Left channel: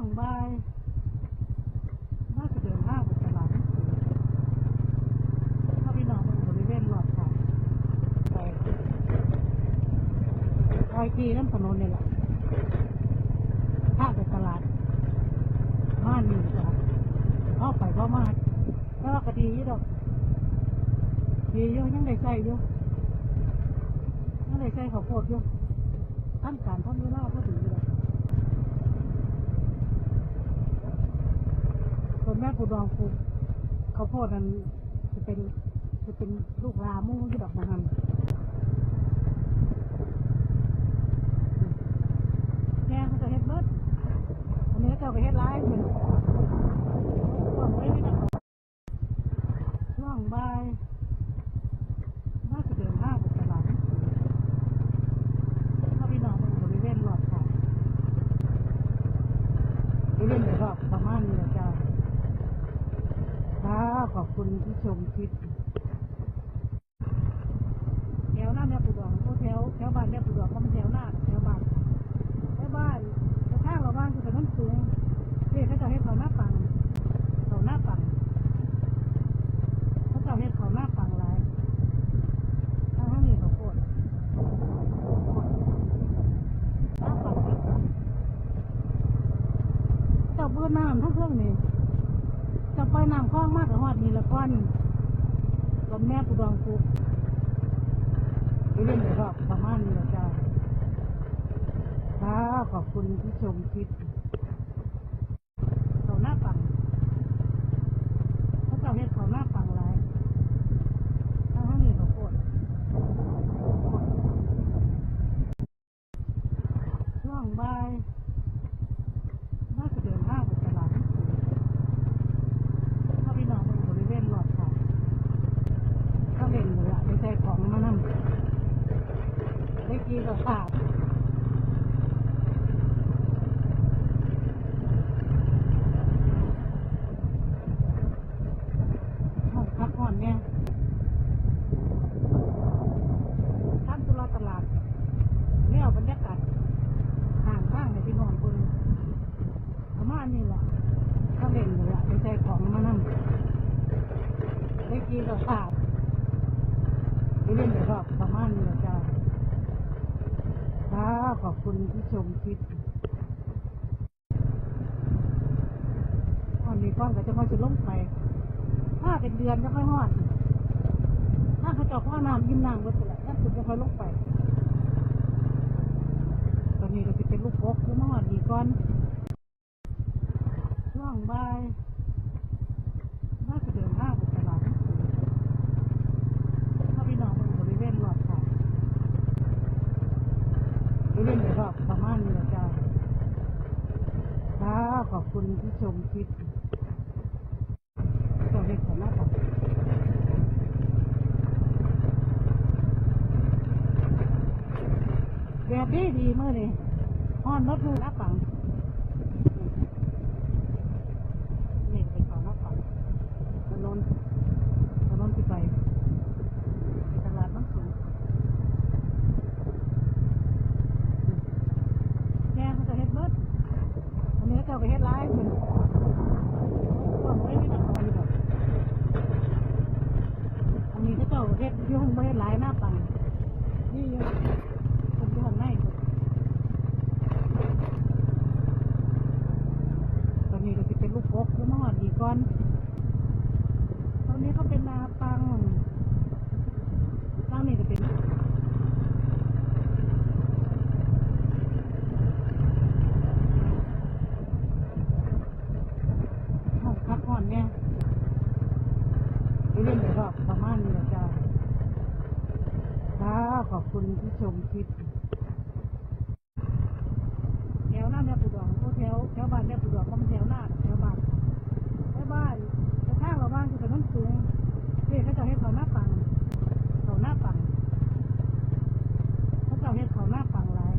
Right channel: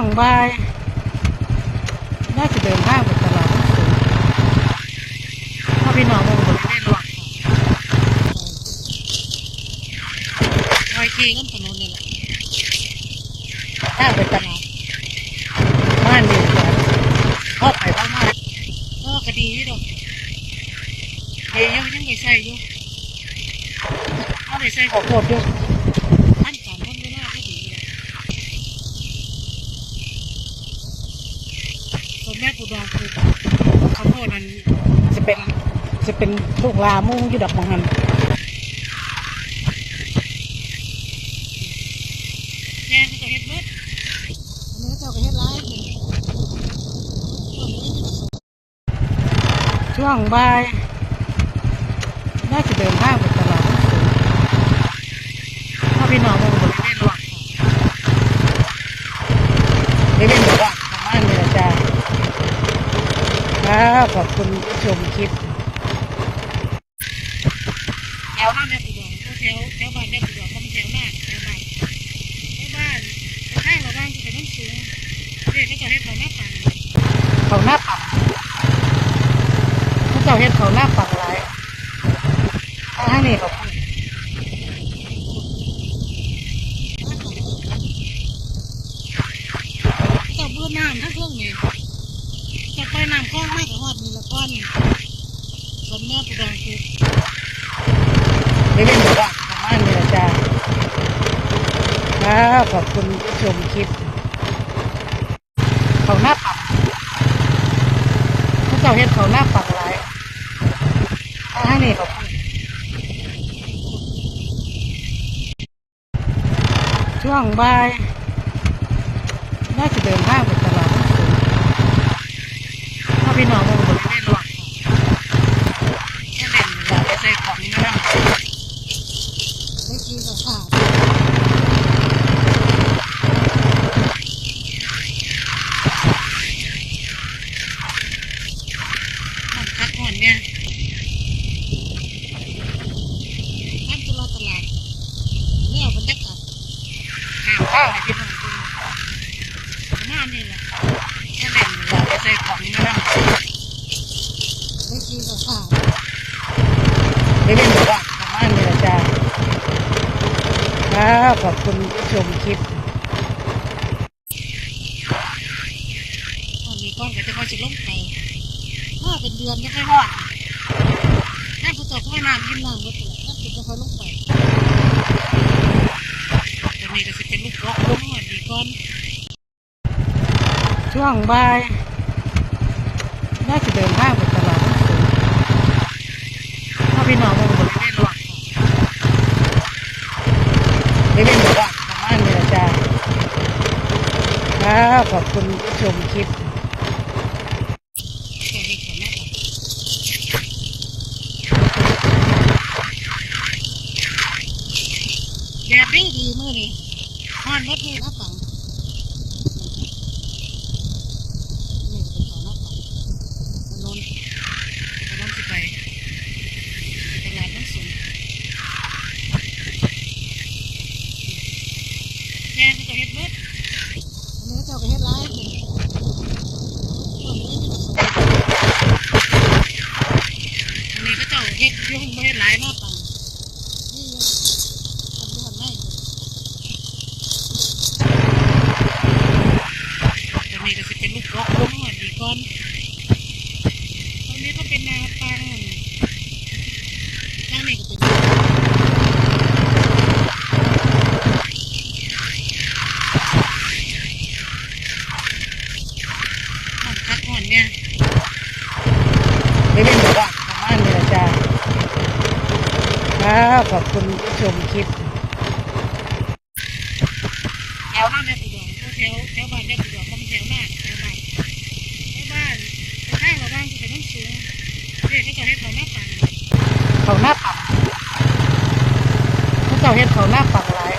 วงบายน่าจะเดินทางไปตลาดสูงถ้าพี่น้องมองบริเวณรอบรอยทีน้ำถนนนี่แหละถ้างไปตลาดบ้านนี่จ้ะพ่อไปพ่อมาก็คดีนี่ดอกเดี๋ยยังยังไปใส่อยู่เอาไปใส่ขอโคตรอยู่ท่านการท่านเวลาก็ดีเลย ส่วนแม่ปูดองคือข้าวโพดนั้นจะเป็นจะเป็นลูกลามุ่งอยู่ดอกมังหันแม่เขาก็เฮ็ดเบิดอันนี้เขาก็เฮ็ดร้ายช่วงบ่ายน่าจะเดินทางไปตลาดถ้าพี่น้องมองบริเวณรอบบริเวณแบบว่าประมาณนี้แหละจ้า ครับขอบคุณผู้ชมคลิปแถวหน้าแม่ปูดองแถวแถวบ้านแม่ปูดองก็ม่แถวหน้าแถวบ้านแถวบ้านแต่ข้างเราบ้างคือเป็นน้ำสูงเด็กเขาจะเฮ็ดเขาหน้าปังเขาหน้าปังเขาจะเฮ็ดเขาหน้าปังหลายทางนี้เขาพูดเจ้าเบื่อน้ำทั้งเครื่องนี่ ไปนำข้องมากกว่าหอดมีละก้อนสมแม่ปูดองคือไม่เป็นแบบว่าประมาณนี้ละจ้าครับขอบคุณผู้ชมคลิปเขาหน้าปังเขาเจ้าเฮ็ดเขาหน้าปังหลายทางนี้เขาพูดช่วงบ่ายน่าจะเดินทางไปตลาดน้ำสูง ถ้าพี่น้องมองบริเวณรอบแค่เล่นเวลาไปใส่ของมานั่ง ไม่กี้ก็ขาดมันคักก่อนเนี่ยท่านตุลาตลาดเนี่ยบรรยากาศห่างข้าวให้พี่น้องดูประมาณนี้แหละแค่เล่นเวลาไปใส่ของมานั่ง ไม่กี้ก็ขาดไม่เป็นแบบว่าประมาณนี้แหละจ้า ครับขอบคุณผู้ชมคลิปตอนนี้ก้อนก็จะค่อยจะลงไปถ้าเป็นเดือนยังไม่หอดถ้าเขาตกข้าน้ำกินน้ำก็ตัวถ้าเป็นจะค่อยลงไปตอนนี้ก็จะเป็นลูกรกลงหอดดีก้อน ช่วงบ่ายน่าจะเดินทางไปตลาดน้ำสูงถ้าพี่น้องมองบริเวณรอบ บริเล่นแบบว่าประมาณนี้แหละจ้าครับขอบคุณผู้ชมคลิปแดดดีดีมือนี่ฮ้อนมดมือนะปั แม่เขาก็เฮ็ดเบิดอันนี้เจ้าก็เฮ็ดร้ายเพิ่นอันนี้เขาเจ้าเฮ็ดอยุ่งไม่เฮ็ดร้ายหน้าปังนี่อยู่คนที่ทำให้ตอนนี้ก็สิเป็นลูกรกลงหอดดีก่อน เนี่ยไม่เป็นแบบว่าประมาณนี้ละจ้าครับขอบคุณผู้ชมคลิปแถวหน้าแม่ปูดองแถวแถวบ้านแม่ปูดองก็เป็นแถวหน้าแถวบ้านแม่บ้านแต่ข้างเราบ้างคือเป็นน้ำสูงเด็กเขาจะเฮ็ดเขาหน้าปังเขาหน้าปังเขาจะเฮ็ดเขาหน้าปังหลาย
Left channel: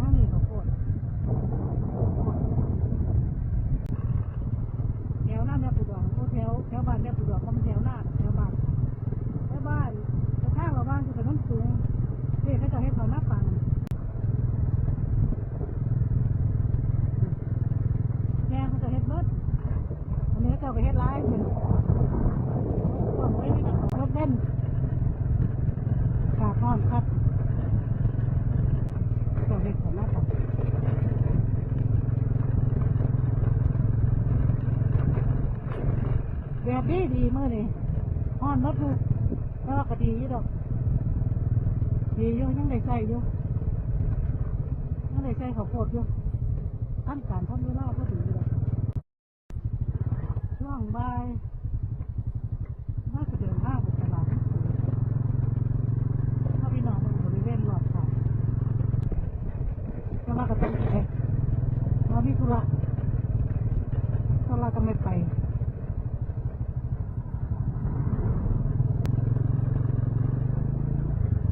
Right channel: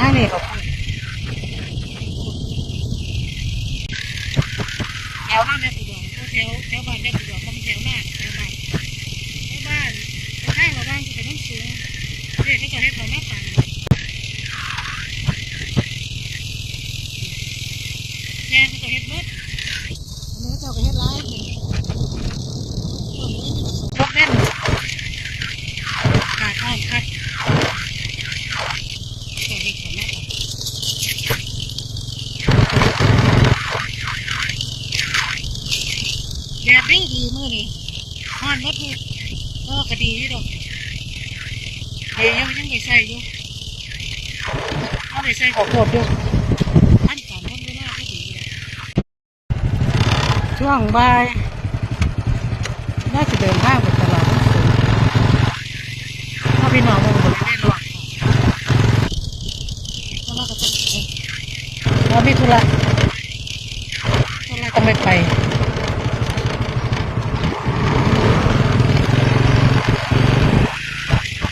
ทางนี้เขาพูดแถวหน้าแม่ปูดองแถวแถวบ้านแม่ปูดองก็เป็นแถวหน้าแถวบ้านแม่บ้านแต่ข้างเราบ้างคือเป็นน้ำสูงเด็กเขาจะเฮ็ดเขาหน้าปังม่เขาก็เฮ็ดเบิดอันนี้เขาจ้าก็เฮ็ดร้ายขึ้นรถเล่นกาดอ้อมคัดก็เฮ็ดกันแล้วกัน แดดดีดีมื้อนี้ฮ้อนหมดมื้อก็ก็ดีอยู่ดอกเฮ้ยยังยังไปใส่อยู่เอาไปใส่ขอโคตรอยู่ท่านการท่านเวลาก็ดีเลยช่วงบ่ายน่าจะเดินทางไปตลาดสูงถ้าพี่น้องมองบริเวณรอบค่ะแล้วเราก็จะเอ๊ะเรามีธุระธุระต้องไปไป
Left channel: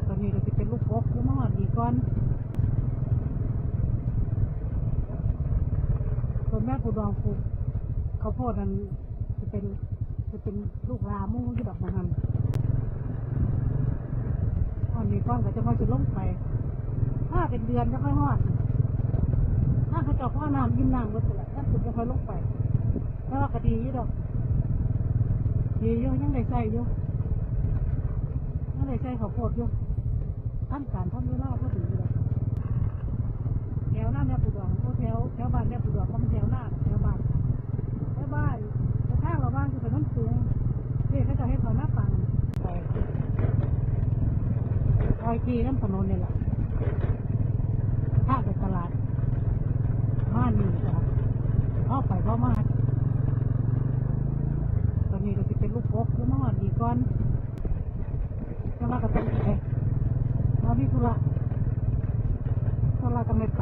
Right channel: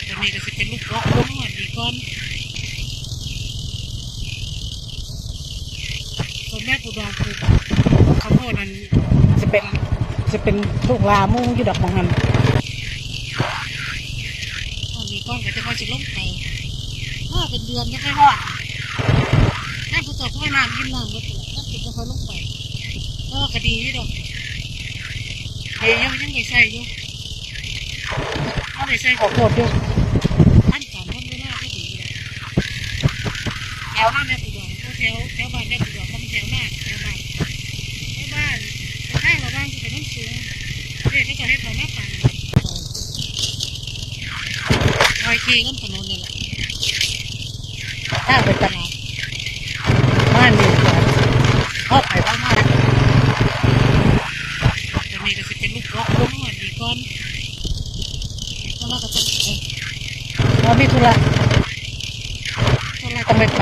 จะมีก็สิเป็นลูกล็อกลู ก่อนส่วนแม่ปูดองคือข้าวโพดนั้นจะเป็นจะเป็นลูกลามุ่งอยู่ดอกมังหันตอนนี้ก้อนก็จะค่อยสิลงไปถ้าเป็นเดือนจะค่อยหอดถ้าผู้ต่อพ่อน้ำยิ้มน้ำก็จะละถ้าเป็จะค่อยลงไปก็คดีอยู่ดอกเฮ้ยยังยังไม่ใส่อยู่เอาไปใส่ขอโพดยู่ ท่านการท่านเวลาก็ดีเลย แถวหน้าแม่ปูดองแถวแถวบ้านแม่ปูดองก็เป็นแถวหน้าแถวบ้านแถวบ้านข้างเราบ้างจะเป็นน้ำสูงเด็กก็จะให้เขาหน้าต่างลอยทีน้ำถนนนี่แหละถ้าเป็นตลาดบ้านนี่ก่อนพ่อไปพ่อมาจะมีก็สิเป็นลูกล็อกลูกหอดดีก่อนแล้วเราก็จะเอ๊ะเรามีธุระ ธุระต้องไปไป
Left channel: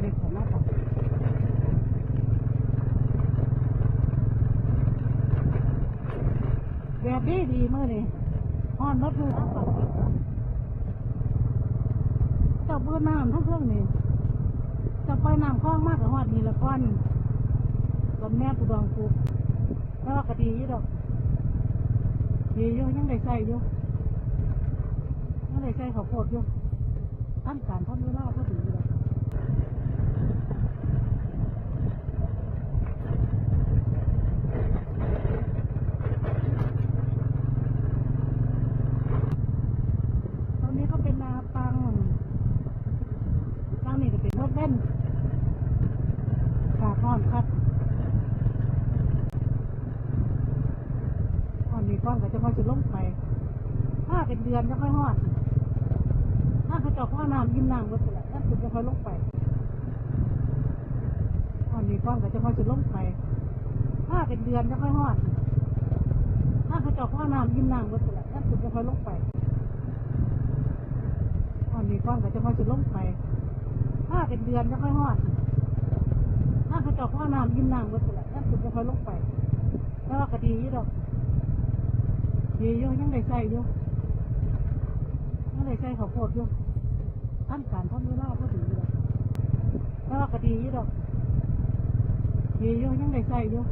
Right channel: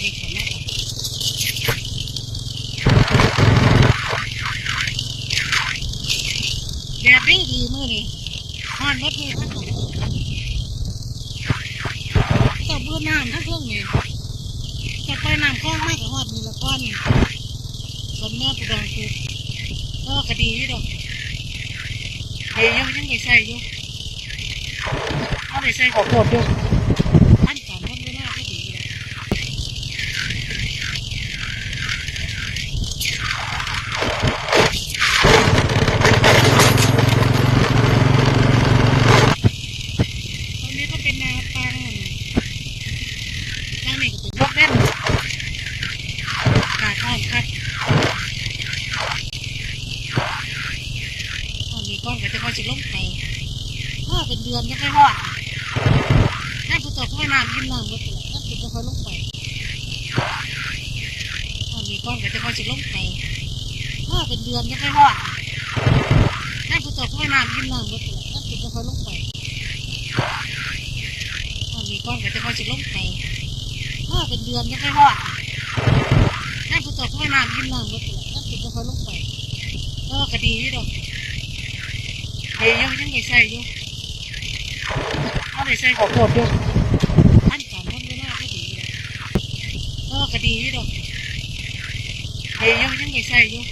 เดกันแล้วดดดีดีมื้อนี้ฮ้อนหมดมื้อทั้งหมดเจ้าเบื่อน้ำทั้งเครื่องนี่จะไปน้ำคลองมากกับฮอดมีละก้อนส่วนแม่ปูดองคือก็กระดีอยู่ดอกเฮ้ยยังยังไปใส่อยู่ ไปใส่ขอโคตรอยู่ท่านการท่านเวลาก็ดีเลยตรงนี้ก็เป็นนาปังด้านนี้ก็เป็นรถเล่นกาดอ้อมคัดตอนนี้ก้อนก็จะค่อยสิลงไปถ้าเป็นเดือนจะค่อยหอด ต่อพ่อน้ำยิ้มน้ำก็จะละถ้าเป็นจะค่อยลงไปตอนนี้ก้อนก็จะค่อยสิลงไปถ้าเป็นเดือนจะค่อยหอดถ้าผู้ต่อพ่อน้ำยิ้มน้ำก็จะละถ้าเป็นจะค่อยลงไปตอนนี้ก้อนก็จะค่อยสิลงไปถ้าเป็นเดือนจะค่อยหอดถ้าผู้ต่อพ่อน้ำยิ้มน้ำก็จะละถ้าเป็นจะค่อยลงไปก็คดีอยู่ดอกเฮ้ยยังยังไปใส่อยู่เอาไปใส่ขอโคตรอยู่ท่านการท่านเวลาก็ดีเลย พ่อก็ดีอยู่ดอกเฮ้ยยังยังไปใส่อยู่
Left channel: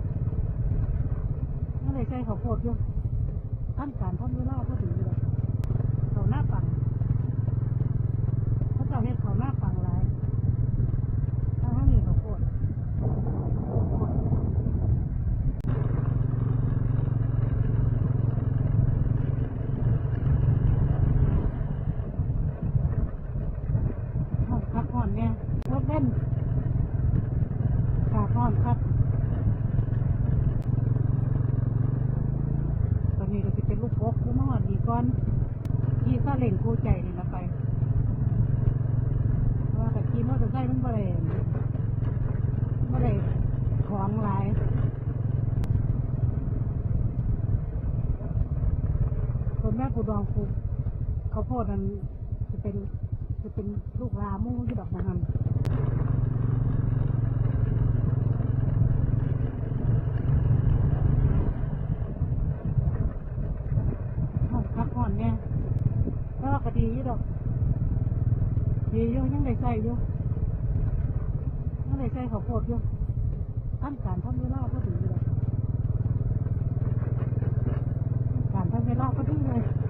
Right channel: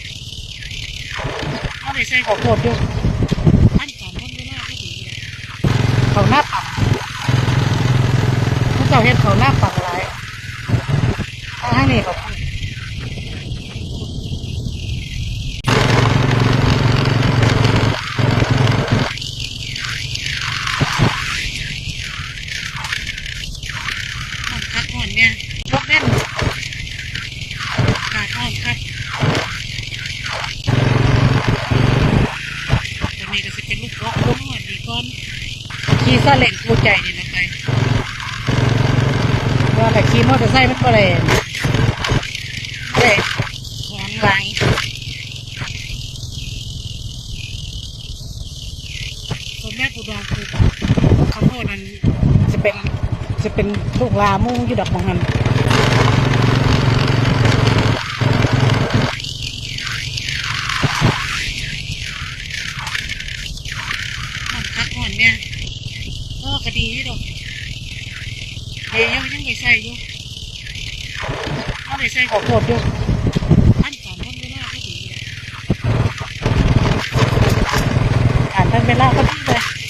เอาไปใส่ขอโคตรอยู่ท่านการท่านไม่น่าก็ดีเลยเขาหน้าปังเขาเจ้าเห็นเขาหน้าปังหลายทาให้นี้เขาพูด ห้องพักผ่อนเนี่ยรถเล่นกาดห้องครับจะมีก็สิเป็นลูกล็อกลู ก่อนขี่ซาเล้งคู่ใจนี่นะไปว่าแต่ขี่มอเตอร์ไซค์มันบ่เลยบ่เลยของหลายส่วนแม่ปูดองคือข้าวโพดนั้นจะเป็นจะเป็นลูกลามุ่งยู่ดอกมังหันมัน ดีอยู่ยยังยังไม่ใส่ยู่เอาไปใส่ขอโคตรยู่ท่านกานท่านเวลาก็ดีเลยกานท่านเวลาก็ดีเลย